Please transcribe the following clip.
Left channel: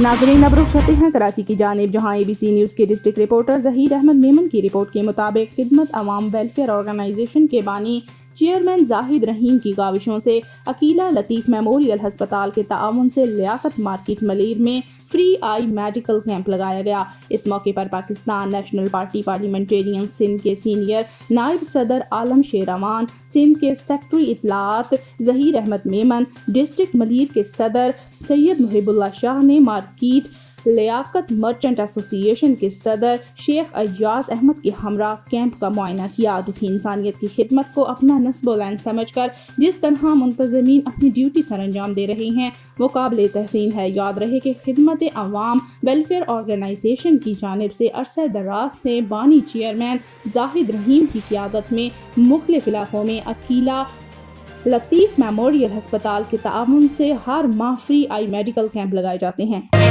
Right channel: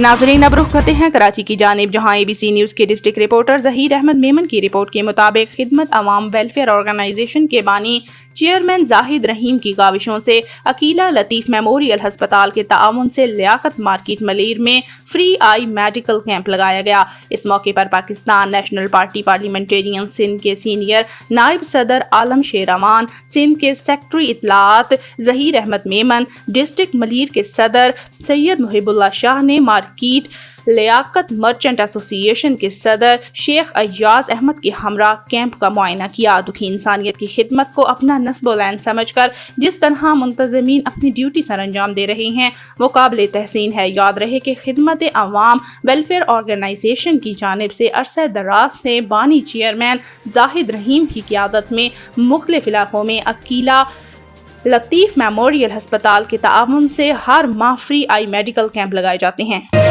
नाज़रीन, अब रुख करते हैं कराची की जानिब, जहां ABC न्यूज़ के डिस्ट्रिक्ट रिपोर्टर ज़हीर अहमद मेमन की रिपोर्ट के मुताबिक खिदमत अवाम वेलफेयर ऑर्गेनाइजेशन के बानी चेयरमैन जाहिद रहीम की काविशों से अकीला लतीफ़ मेमोरियल हस्पताल के ताउन से लियाकत मार्केट मलीर में फ्री आई मेडिकल कैंप लगाया गया। इस मौके पर Pakistan national party parliamentarian Sindh के सीनियर नायब सदर आलम शेर अमान, सिंध के सेक्रेटरी इत्तलात ज़हीर अहमद मेमन, डिस्ट्रिक्ट मलीर के सदर सैयद मुहिबुल्लाह शाह ने मार्केट लियाकत मर्चेंट एसोसिएशन के सदर शेख अय्याज अहमद के हमरा कैंप का मुआयना किया। दुखी इंसानियत की खिदमत को अपना नस्ब-ओ-लैन समझकर जिस तरह मुंतज़मीन अपनी ड्यूटी सर अंजाम दे रहे हैं वो काबिल तहसीन है। याद रहे कि खिदमत अवाम वेलफेयर ऑर्गेनाइजेशन की जानिब से अरसे दराज से बानी चेयरमैन जाहिद रहीम की क़ियादत में मुख्तलिफ इलाकों में अकीला लतीफ़ मेमोरियल हस्पताल के ताउन से हर माह फ्री आई मेडिकल कैंप लगाए जाते हैं।